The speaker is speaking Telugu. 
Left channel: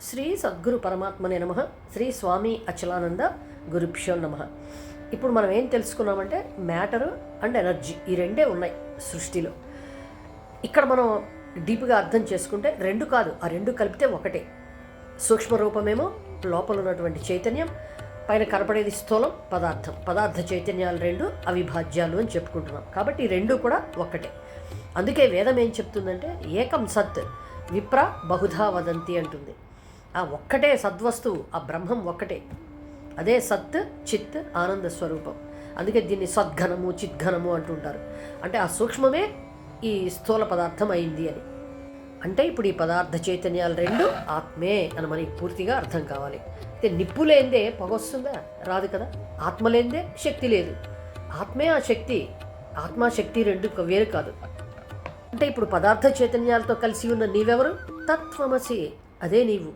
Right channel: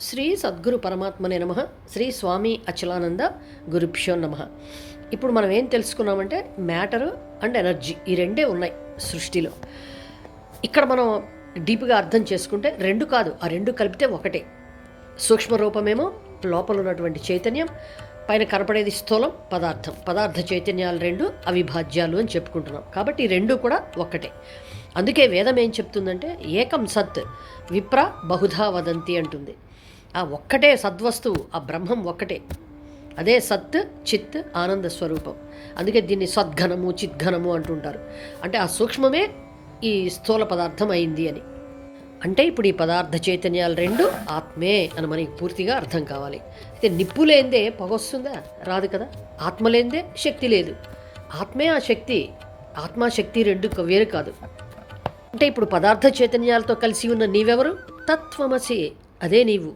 శ్రీ సద్గురు పరమాత్మనే నమ. శ్రీ స్వామి అచలానంద గురుభ్యో నమ. ఇప్పుడు మనం ఏం తెలుసుకున్నామంటే మ్యాటరు అండ్ ఎనర్జీ ఈ రెండే ఉన్నాయి సృష్టిలో. ఇక్కడ మనం డీప్గా అర్థం చేసుకుంటే రెండు కాదు, ఆ రెండు కలిపితే ఒకటే. సూక్ష్మ రూపమేమో లోపల ఉన్నటువంటి చైతన్యం, పైన కనపడేది స్థూలం పదార్థం. పదార్థ చైతన్యాలు రెండు అవిభాజ్యాలు అని చెప్పుకుంటున్నాం. కాబట్టి ఈ రెండు కూడా ఒక్కటే. అందుకే వేదం ఏం చెప్తుందంటే ఏకం సత్ విప్ర బహుధా వదంతి అంటుంది. ఆ ఒక్కటే సద్వస్తువు, ఆ బ్రహ్మం ఒక్కటే. అదే సత్ చిత్ ఆనంద స్వరూపం. అందుకే దీన్ని సద్ఘనము చిద్ఘనము అంటుంటారు. అంటే ఆ సూక్ష్మమే ఈ స్థూల పదార్థం అయింది అని. అంటే ఇప్పుడు ఈ పదార్థ చైతన్యాలు రెండు ఆత్మే అని మనకి పూర్తిగా అర్థం కావాలి. అయితే నిప్పు లేనిదే పొగ వస్తుందా? రాదు కదా. ఆత్మ లేనిదే శక్తి లేదు. ఆత్మే ఆ శక్తి. ఆత్మశక్తి రెండు వేరు కాదు. అంటే ఇప్పుడు పదార్థ చైతన్యాలతో కలిసి ఉన్న నీవెవరు? తత్వమసి, అదే నీవు.